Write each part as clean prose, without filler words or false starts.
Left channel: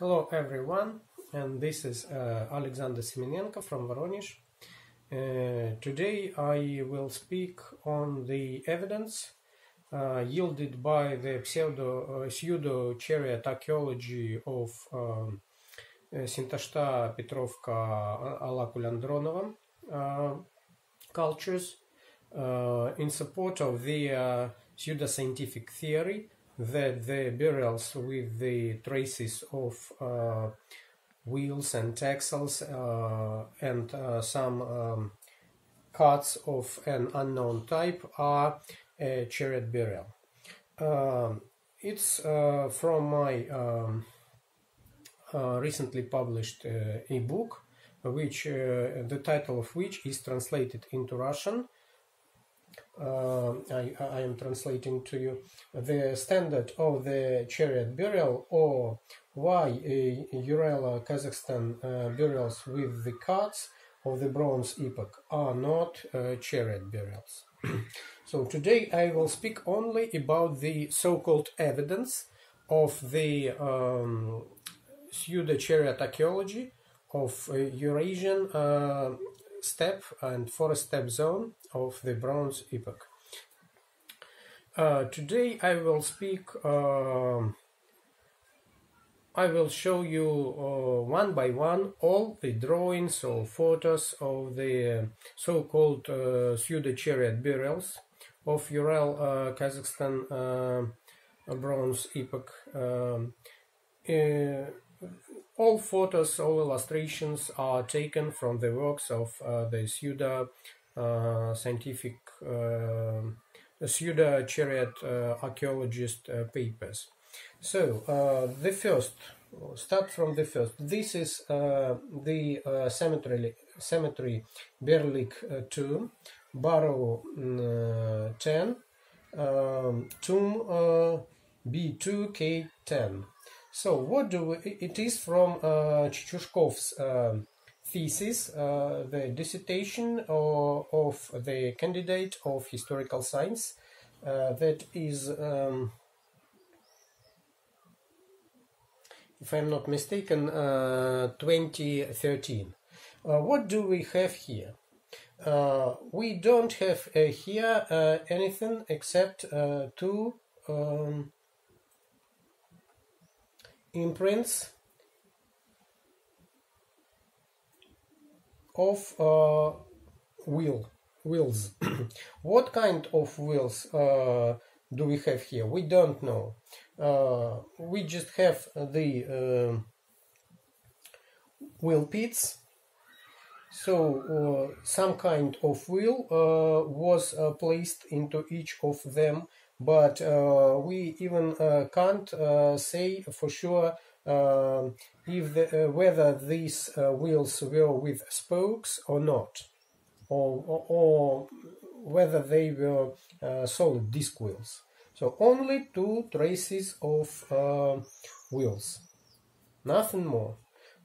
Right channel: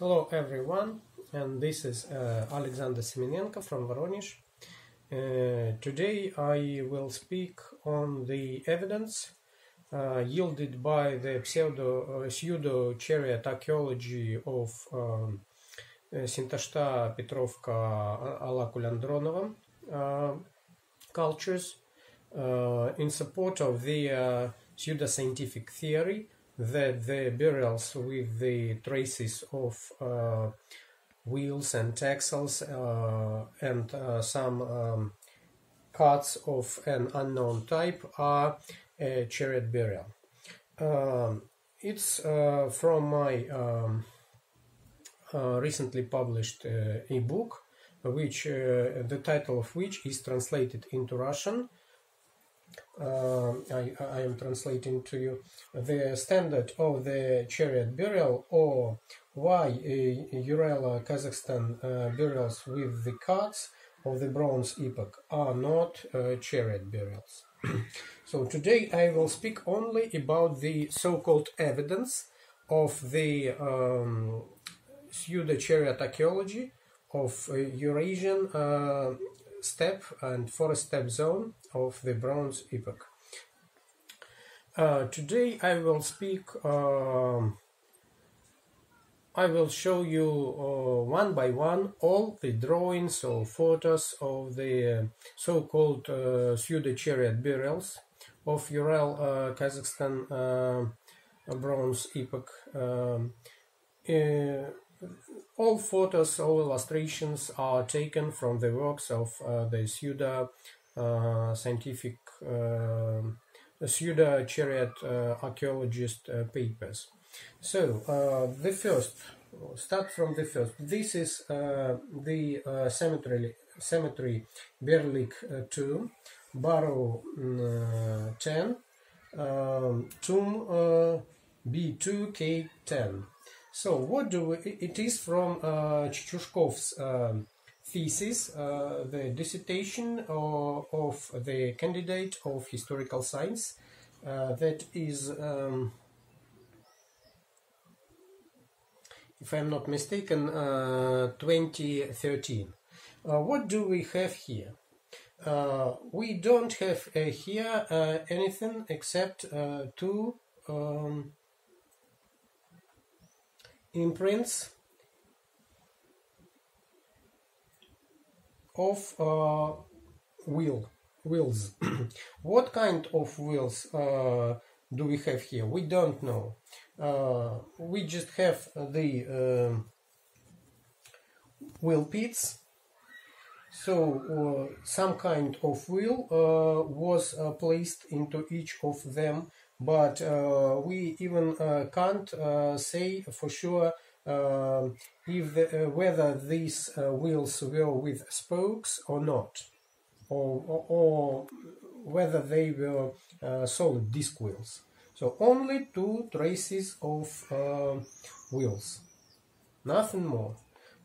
Hello everyone, and this is Alexander Semenenko from Voronezh. Today I will speak on the evidence yielded by the pseudo-chariot archaeology of Sintashta-Petrovka-Alakul-Andronovo cultures in support of the pseudoscientific theory that the burials with the traces of wheels and axles and some cuts of an unknown type are a chariot burial. It's from my recently published ebook, which the title of which is translated into Russian. I am translating to you the standard of the chariot burial, or why uralo-Kazakhstan burials with the cuts of the Bronze epoch are not chariot burials. So today I will speak only about the so-called evidence of the pseudo-chariot archaeology of Eurasian steppe and forest steppe zone of the Bronze epoch. Today I will speak, I will show you one by one all the drawings or photos of the so-called pseudo-chariot burials of Ural-Kazakhstan Bronze epoch. All photos, all illustrations are taken from the works of the pseudo-scientific, pseudo-chariot archaeologist papers. So, the first, start from the first. This is the cemetery Berlik 2, Barrow 10, tomb B2 K10. So what do we, it is from Chichushkov's thesis, the dissertation of the candidate of historical science, that is, if I'm not mistaken, 2013. What do we have here? We don't have here anything except two imprints of wheels. What kind of wheels do we have here? We don't know. We just have the wheel pits. So some kind of wheel was placed into each of them, but we even can't say for sure if whether these wheels were with spokes or not, or whether they were solid disc wheels. So only two traces of wheels, nothing more.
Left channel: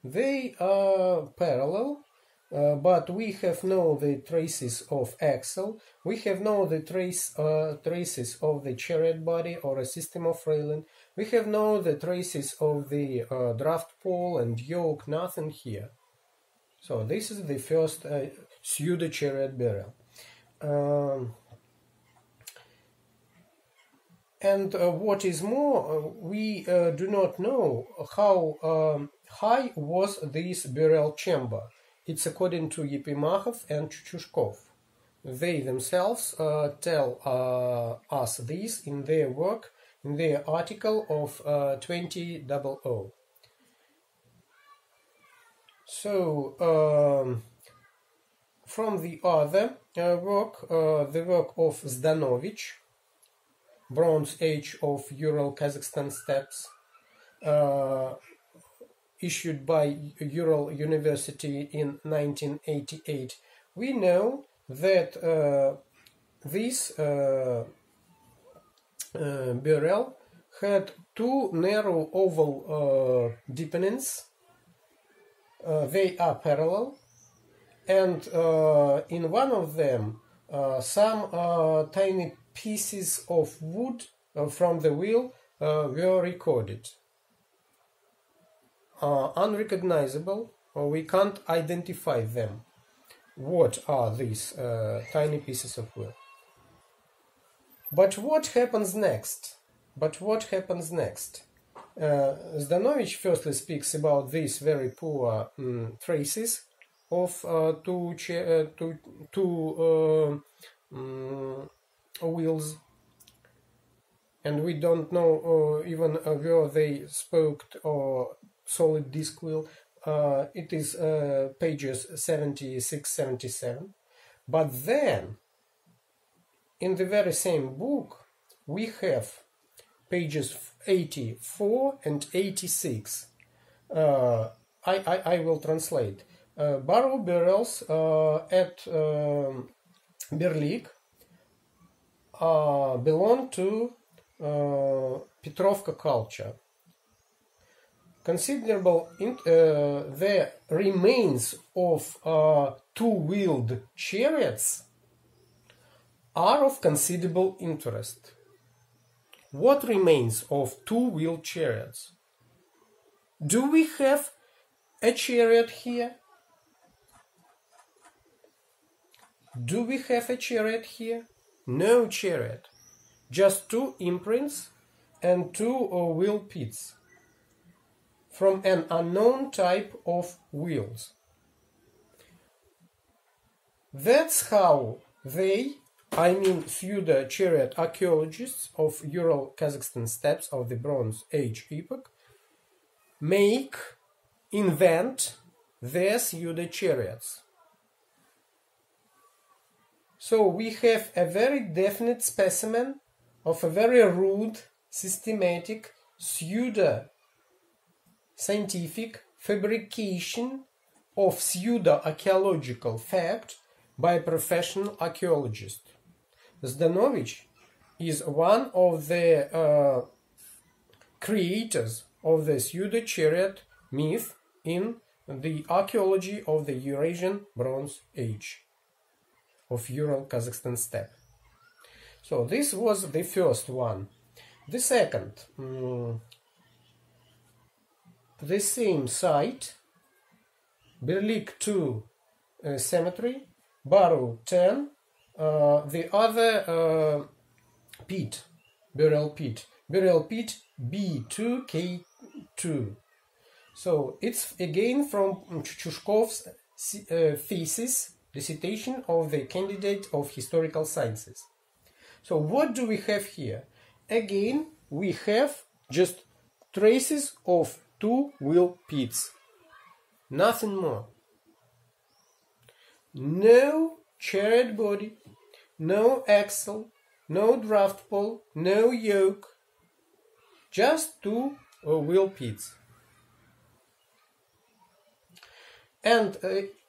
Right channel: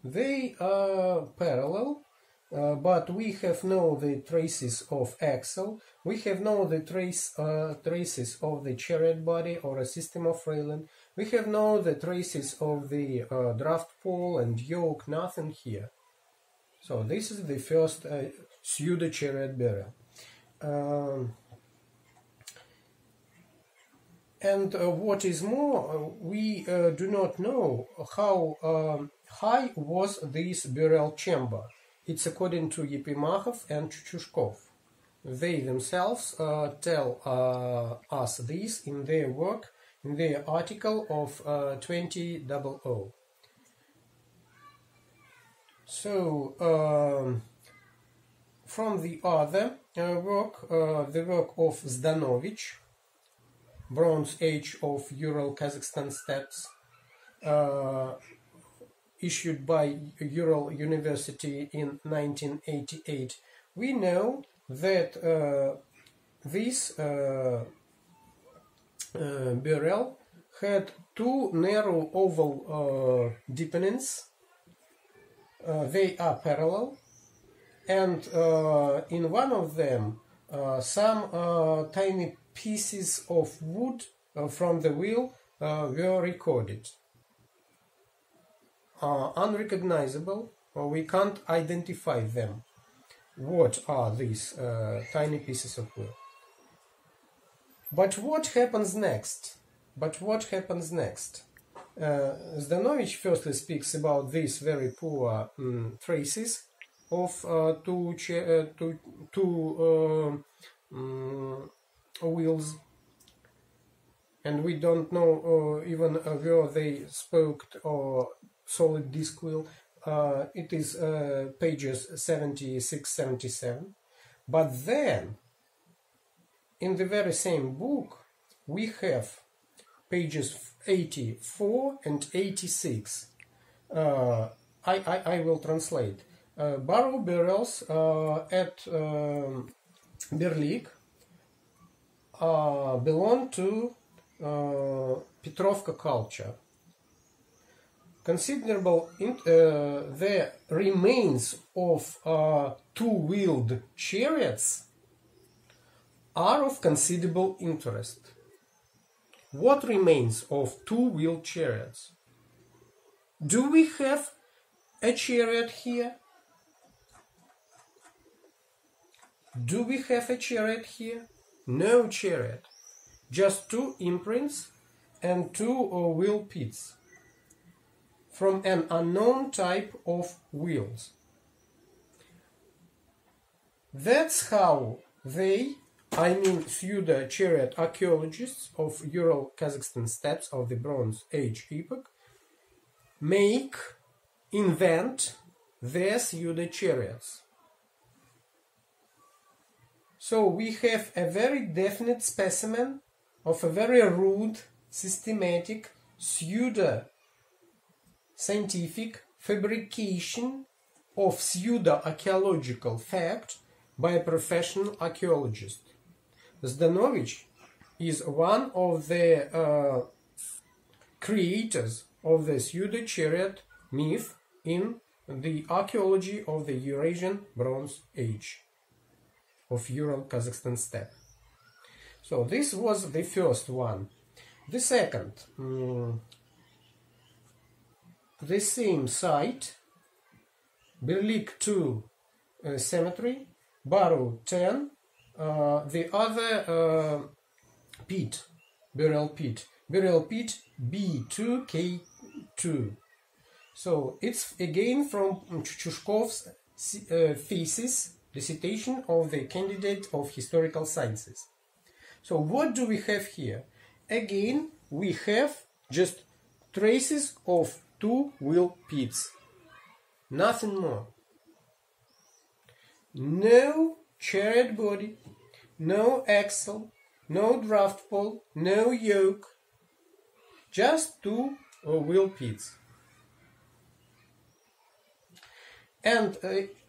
They are parallel. But we have no the traces of axle, we have no the traces of the chariot body or a system of railing, we have no the traces of the draft pole and yoke, nothing here. So this is the first pseudo-chariot burial. And what is more, we do not know how high was this burial chamber. It's according to Epimachov and Chichushkov. They themselves tell us this in their work, in their article of 2000. So, from the other work, the work of Zdanovich, Bronze Age of Ural-Kazakhstan steppes, issued by Ural University in 1988, we know that this burial had two narrow oval deepenings. They are parallel, and in one of them some tiny pieces of wood from the wheel were recorded. unrecognizable, or we can't identify them. What are these tiny pieces of wheel? But what happens next? Zdanovich firstly speaks about these very poor traces of two wheels, and we don't know even where they spoked or solid disc wheel. It is pages 76-77. But then, in the very same book, we have pages 84 and 86. I will translate. Barrow barrels at Berlik belong to Petrovka culture. Considerable the remains of two-wheeled chariots are of considerable interest. What remains of two-wheeled chariots? Do we have a chariot here? No chariot. Just two imprints and two wheel pits from an unknown type of wheels. That's how they, pseudo-chariot archaeologists of Ural-Kazakhstan steppes of the Bronze Age epoch, invent their pseudo-chariots. So we have a very definite specimen of a very rude, systematic, pseudo-scientific fabrication of pseudo-archaeological fact by a professional archaeologist. Zdanovich is one of the creators of the pseudo-chariot myth in the archaeology of the Eurasian Bronze Age of Ural-Kazakhstan steppe. So this was the first one. The second, the same site, Berlik 2 cemetery, Barrow 10, the other pit, burial pit B2 K2. So it's again from Chushkov's thesis, recitation of the candidate of historical sciences. So what do we have here? Again, we have just traces of two-wheel pits. Nothing more. No chariot body, no axle, no draft pole, no yoke. Just two-wheel pits. And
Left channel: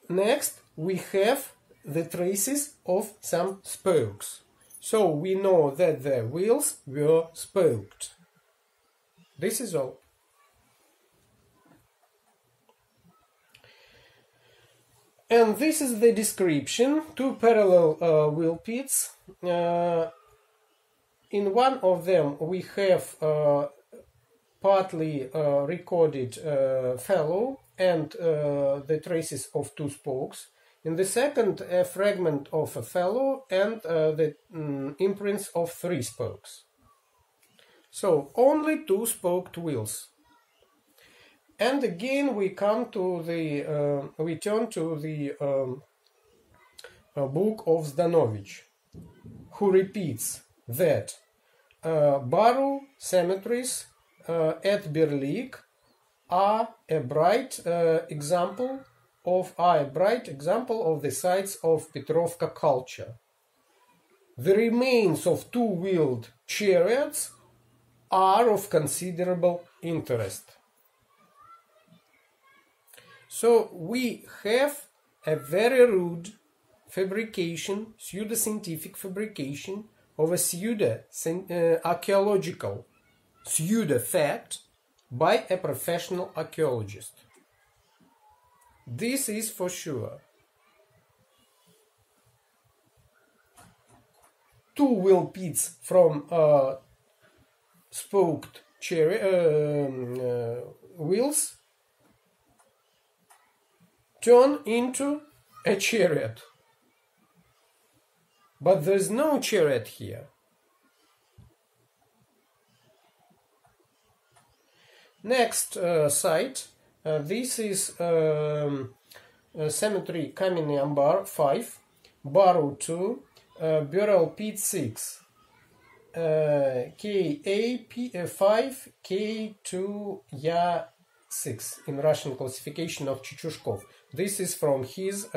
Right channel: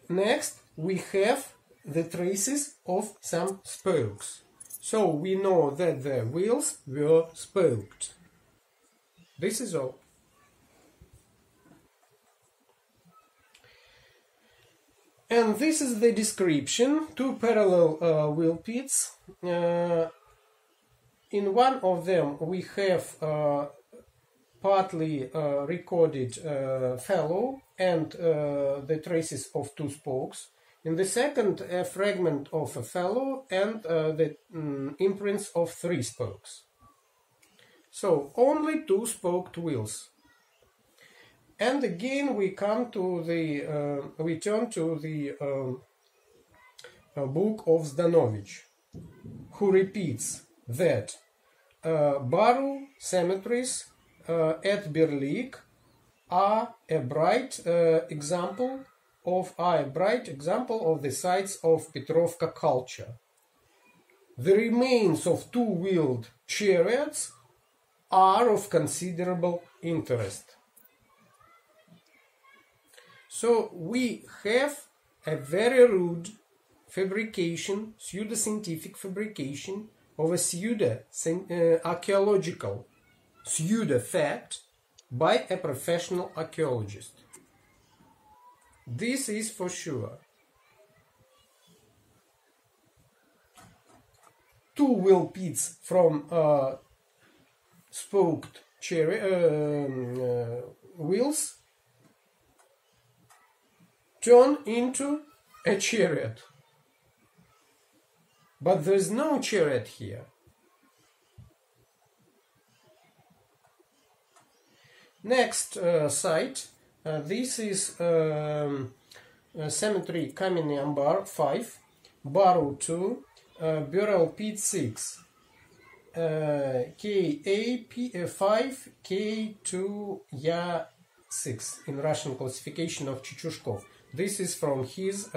next, we have the traces of some spokes. So we know that the wheels were spoked. This is all. And this is the description. Two parallel wheel pits. In one of them we have partly recorded felloe and the traces of two spokes. In the second, a fragment of a felloe and the imprints of three spokes. So only two-spoked wheels. And again we come to the we turn to the book of Zdanovich, who repeats that Barrow cemeteries at Berlik are a bright example of the sites of Petrovka culture. The remains of two-wheeled chariots are of considerable interest. So we have a very rude fabrication, pseudo-scientific fabrication of a pseudo-archaeological pseudo-fact by a professional archaeologist. This is for sure. Two-wheel pits from spoked wheels turn into a chariot. But there's no chariot here. Next site, this is cemetery Kamennyi Ambar 5, Barrow 2, Burial Pit 6, K.A.P5, K2 Ya 6 in Russian classification of Chichushkov. This is from his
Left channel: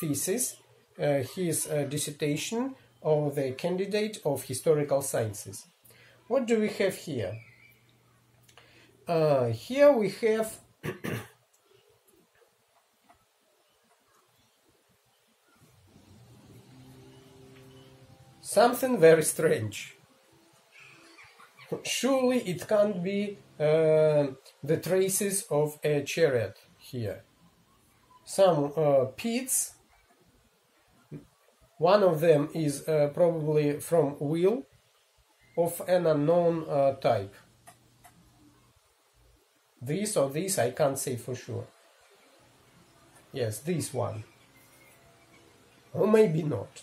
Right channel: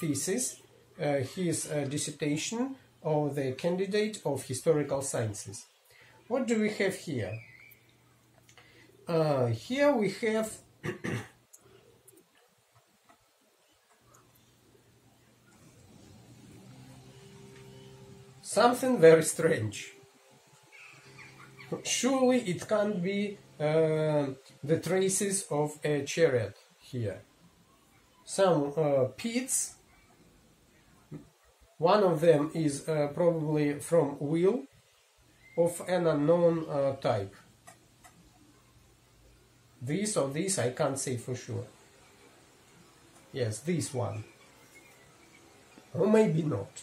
thesis, his dissertation of the candidate of historical sciences. What do we have here? Here we have something very strange. Surely it can't be the traces of a chariot here. Some pits. One of them is probably from wheel of an unknown type. This or this I can't say for sure. Yes, this one. Or maybe not.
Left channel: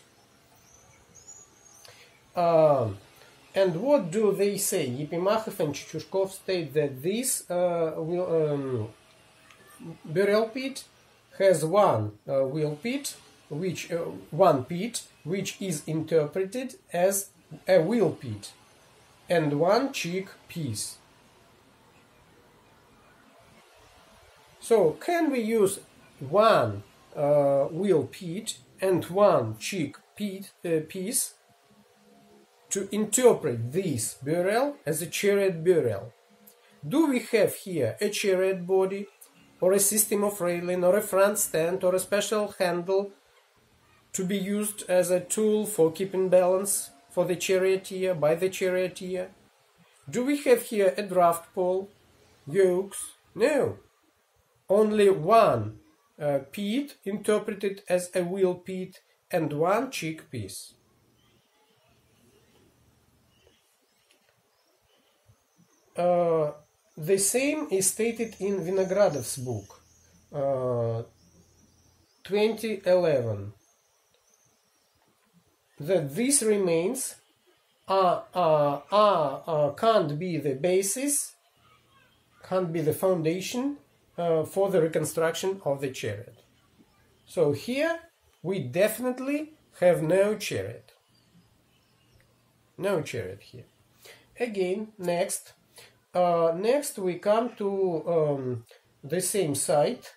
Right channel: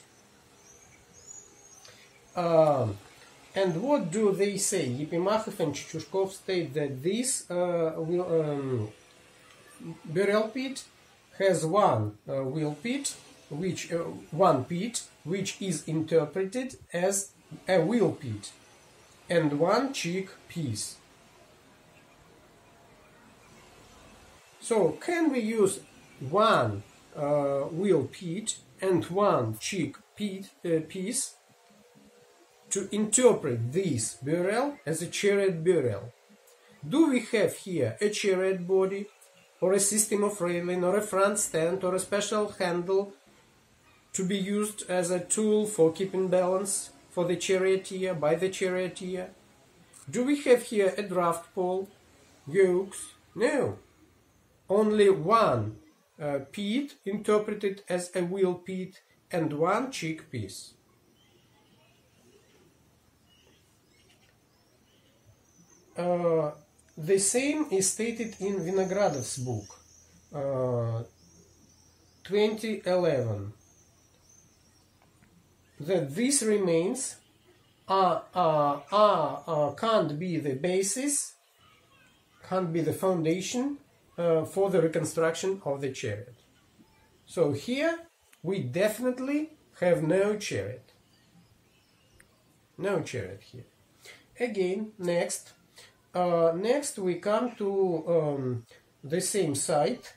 And what do they say? Yepimakov and Chichushkov state that this burial pit has one wheel pit, one pit which is interpreted as a wheel pit, and one cheek piece. So can we use one wheel pit and one cheek piece to interpret this burial as a chariot burial? Do we have here a chariot body, or a system of railing, or a front stand, or a special handle to be used as a tool for keeping balance for the charioteer, by the charioteer? Do we have here a draft pole, yokes? No. Only one pit interpreted as a wheel pit and one cheek piece. The same is stated in Vinogradov's book, 2011, that these remains can't be the basis, can't be the foundation for the reconstruction of the chariot. So here we definitely have no chariot. No chariot here. Again, next we come to the same site.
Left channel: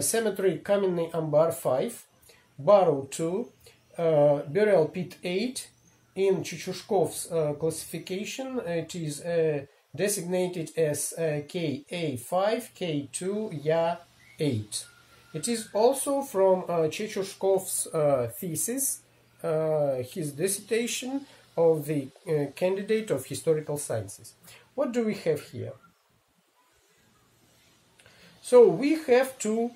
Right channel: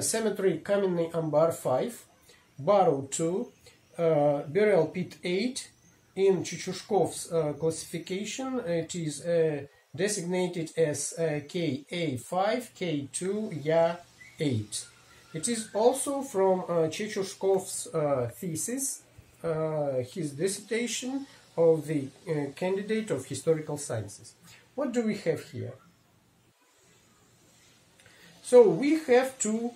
Cemetery Kamennyi Ambar 5, Barrow 2, Burial Pit 8. In Chichushkov's classification, it is designated as Ka5, K2, Ya 8. It is also from Chichushkov's thesis, his dissertation of the candidate of historical sciences. What do we have here? So we have two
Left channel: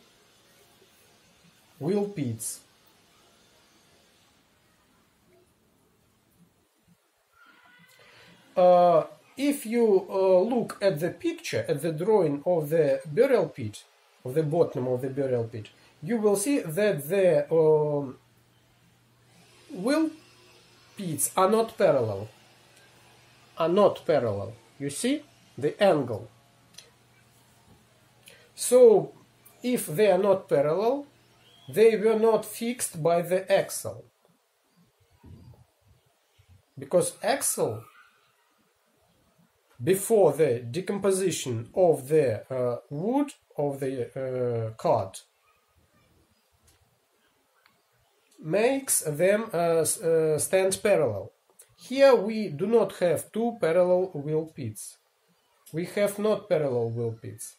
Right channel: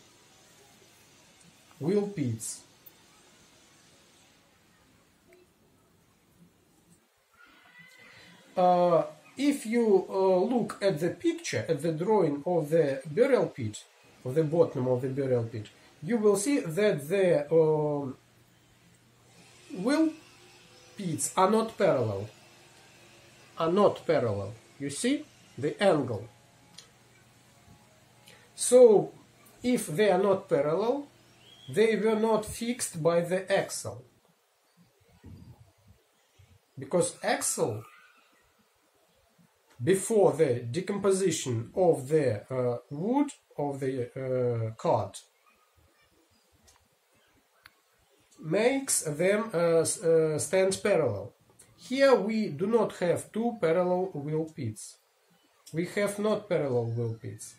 wheel pits. If you look at the picture, at the drawing of the burial pit, of the bottom of the burial pit, you will see that the wheel pits are not parallel. You see the angle. So if they are not parallel, they were not fixed by the axle, because axle, before the decomposition of the wood of the cart, makes them stand parallel. Here we do not have two parallel wheel pits. We have not parallel wheel pits.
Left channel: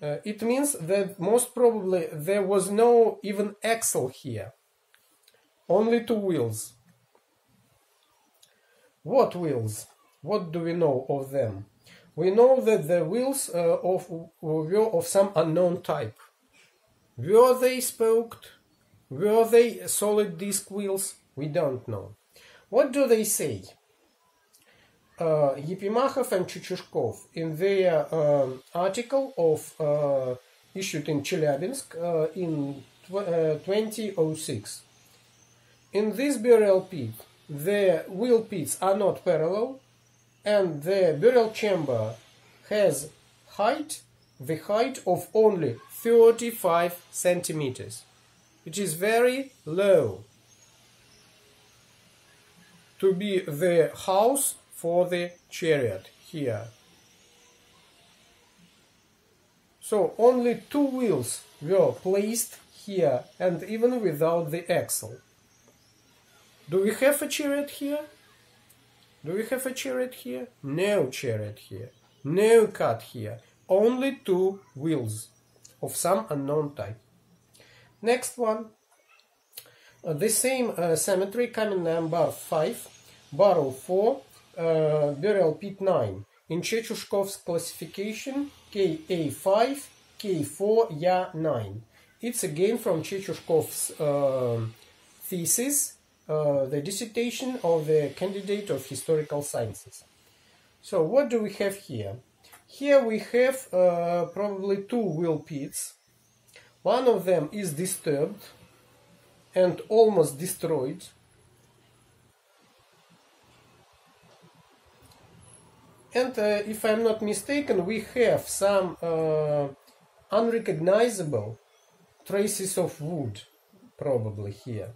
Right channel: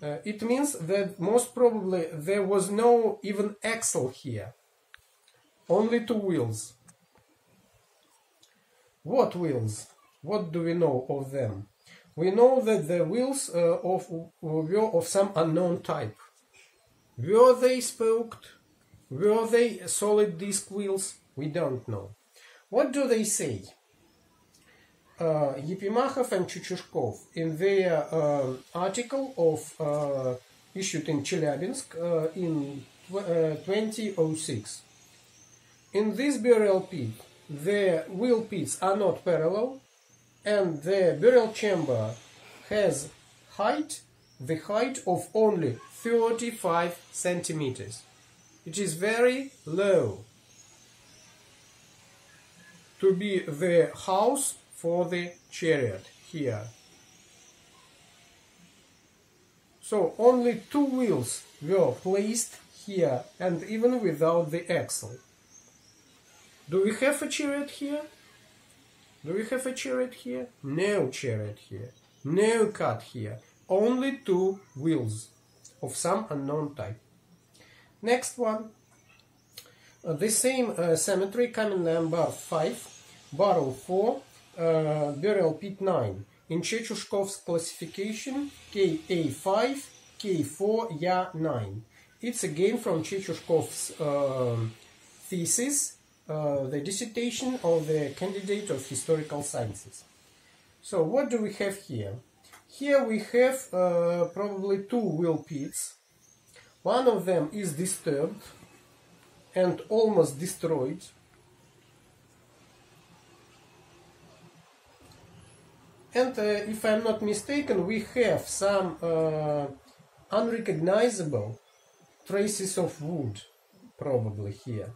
It means that most probably there was no even axle here, only two wheels. What wheels? What do we know of them? We know that the wheels were of some unknown type. Were they spoked? Were they solid disc wheels? We don't know. What do they say? Епимахов and Чучушков in their article of issued in Chelyabinsk in 2006. In this burial pit, the wheel pits are not parallel, and the burial chamber has the height of only 35 centimeters. It is very low to be the house for the chariot here. So only 2 wheels were placed here, and even without the axle. Do we have a chariot here? Do we have a chariot here? No chariot here. No cart here. Only 2 wheels of some unknown type. Next one. The same cemetery, common number 5, barrel 4, burial pit 9. In Chechushkov's classification, Ka5, K4, Ya 9. It's again from Chechushkov's thesis, the dissertation of the candidate of historical sciences. So what do we have here? Here we have probably 2 wheel pits. One of them is disturbed and almost destroyed. And if I'm not mistaken, we have some unrecognizable traces of wood probably here.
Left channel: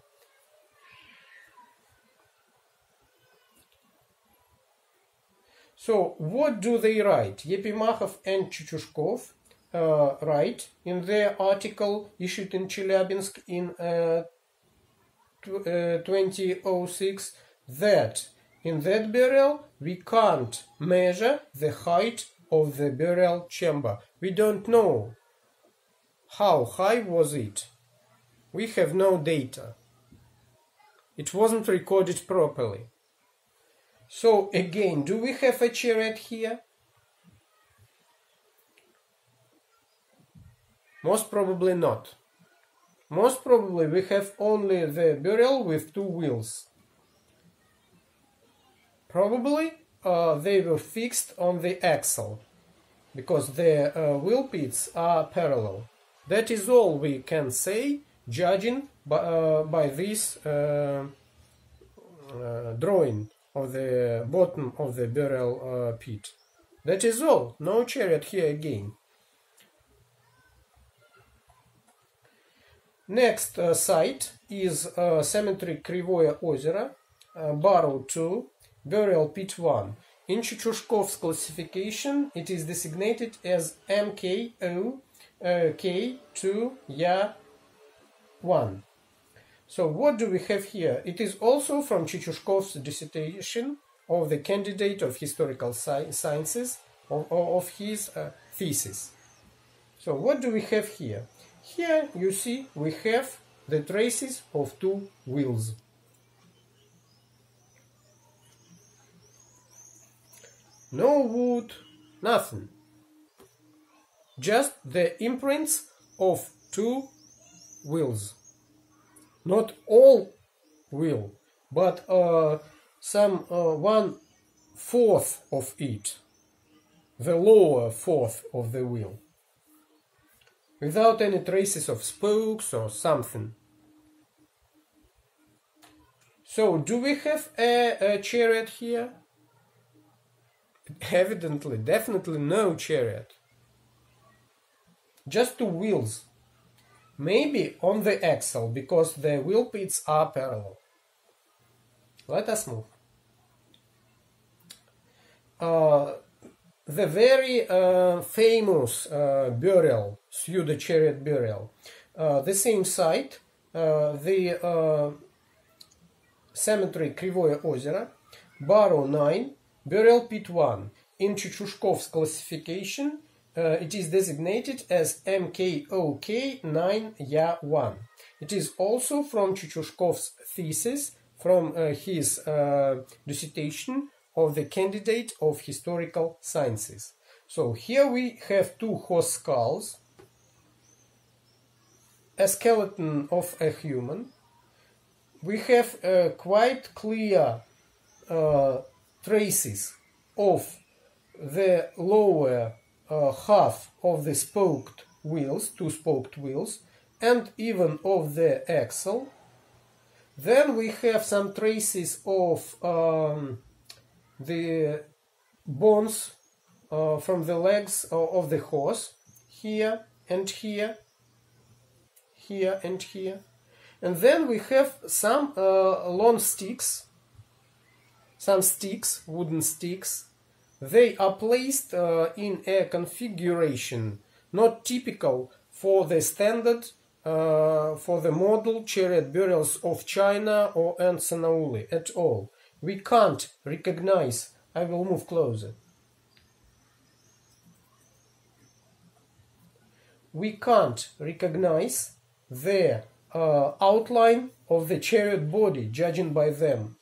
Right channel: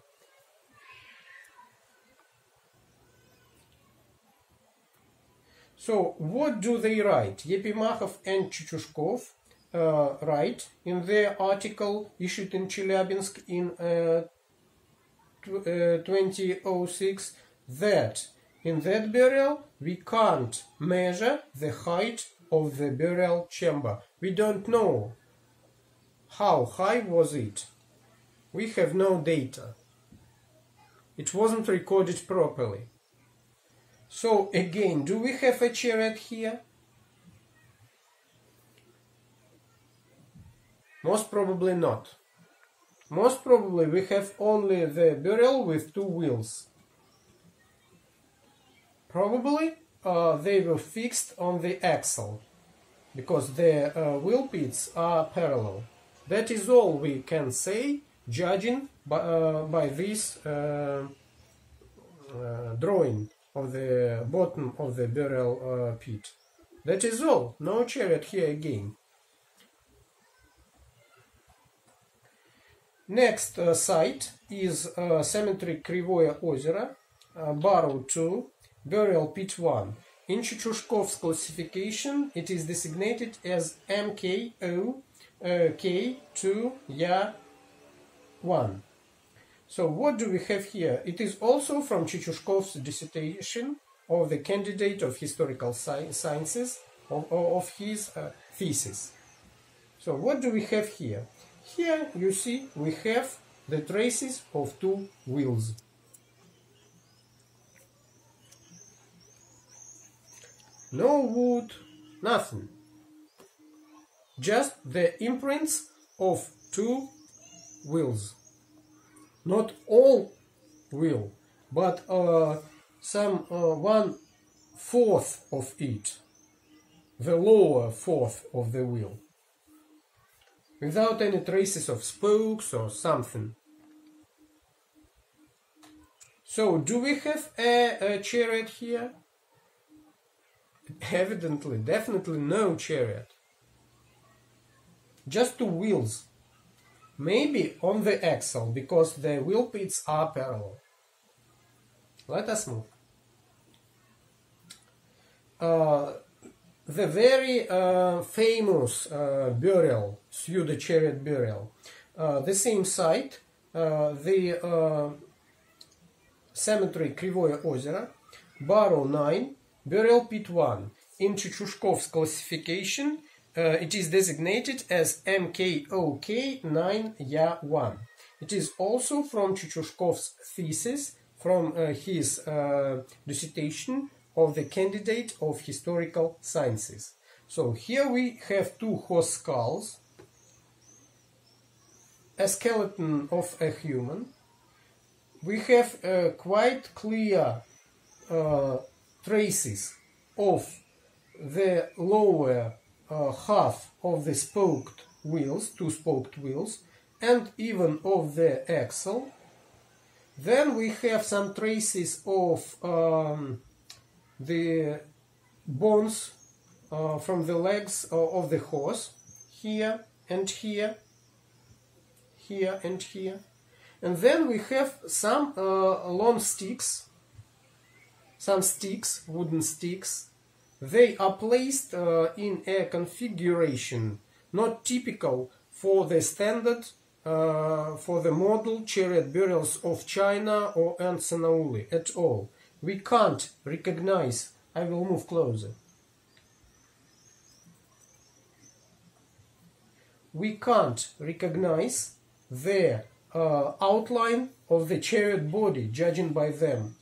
So what do they write? Epimachov and Chuchushkov write in their article issued in Chelyabinsk in 2006 that in that burial we can't measure the height of the burial chamber. We don't know how high was it. We have no data. It wasn't recorded properly. So again, do we have a chariot here? Most probably not. Most probably we have only the burial with 2 wheels. Probably they were fixed on the axle, because the wheel pits are parallel. That is all we can say, judging by this drawing of the bottom of the burial pit. That is all. No chariot here again. Next site is cemetery Krivoye Ozero, barrow 2, burial pit 1. In Chuchushkov's classification, it is designated as MKO K2 Ya 1. So what do we have here? It is also from Chuchushkov's dissertation of the candidate of historical sciences of his thesis. So what do we have here? Here you see we have the traces of 2 wheels. No wood, nothing. Just the imprints of 2 wheels. Not all wheel, but some 1/4 of it. The lower fourth of the wheel. Without any traces of spokes or something. So, do we have a chariot here? Evidently, definitely no chariot. Just 2 wheels. Maybe on the axle, because the wheel pits are parallel. Let us move. The very famous burial, Pseudo-Chariot burial, the same site, the cemetery Krivoye Ozero, barrow 9, burial pit 1. In Chuchushkov's classification, it is designated as MKOK9 Ya 1. It is also from Chuchushkov's thesis, from his dissertation of the candidate of historical sciences. So here we have 2 horse skulls, a skeleton of a human. We have quite clear traces of the lower half of the spoked wheels, two spoked wheels, and even of the axle. Then we have some traces of the bones from the legs of the horse, here and here, here and here. And then we have some long sticks, some sticks, wooden sticks. They are placed in a configuration not typical for the standard, for the model chariot burials of China or Sanauli at all. We can't recognize. I will move closer. We can't recognize the outline of the chariot body, judging by them.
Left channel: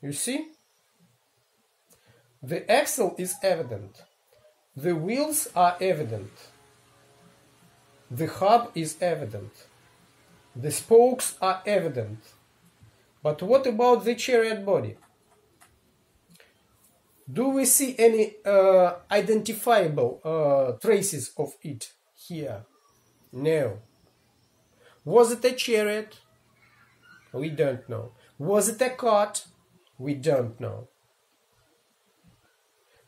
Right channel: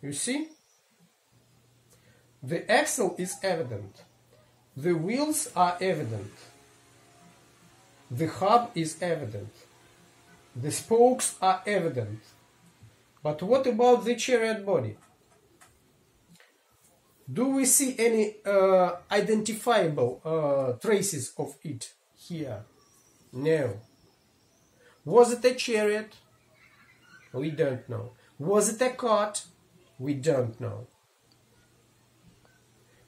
You see? The axle is evident. The wheels are evident. The hub is evident. The spokes are evident. But what about the chariot body? Do we see any identifiable traces of it here? No. Was it a chariot? We don't know. Was it a cart? We don't know.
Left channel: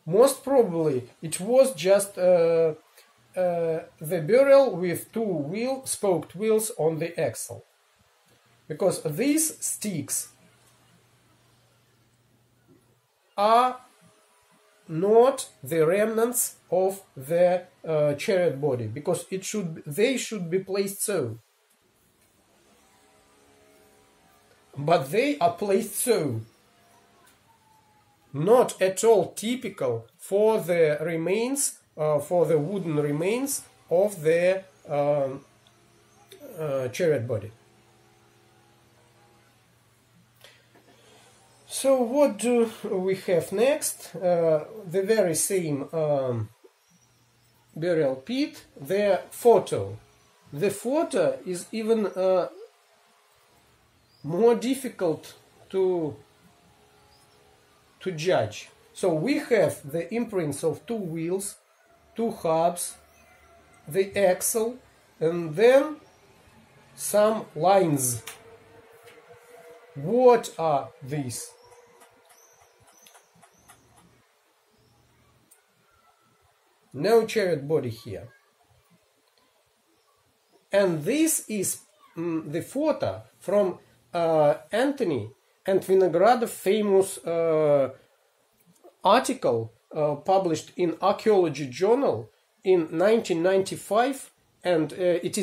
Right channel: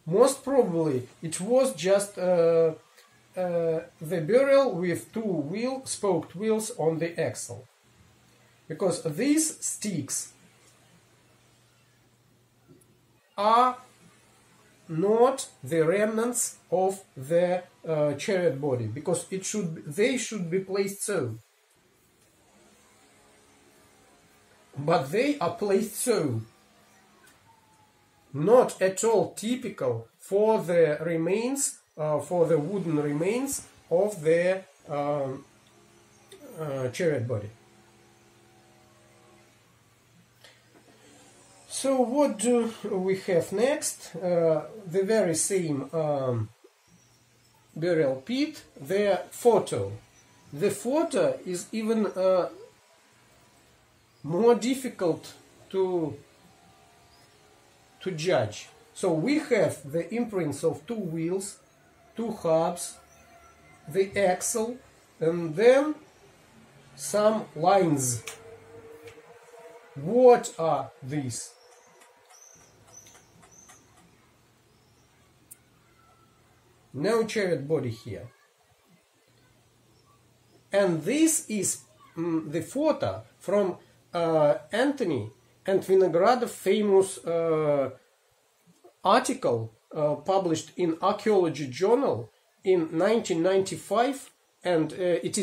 Most probably it was just the burial with two spoked wheels on the axle. Because these sticks are not the remnants of the chariot body, because they should be placed so. But they are placed so. Not at all typical for the remains, for the wooden remains of the chariot body. So what do we have next? The very same burial pit, the photo. The photo is even more difficult to judge. So we have the imprints of two wheels, two hubs, the axle, and then some lines. What are these? No chariot body here. And this is the photo from Anthony and Vinogradov famous article published in Archaeology Journal in 1995, and it is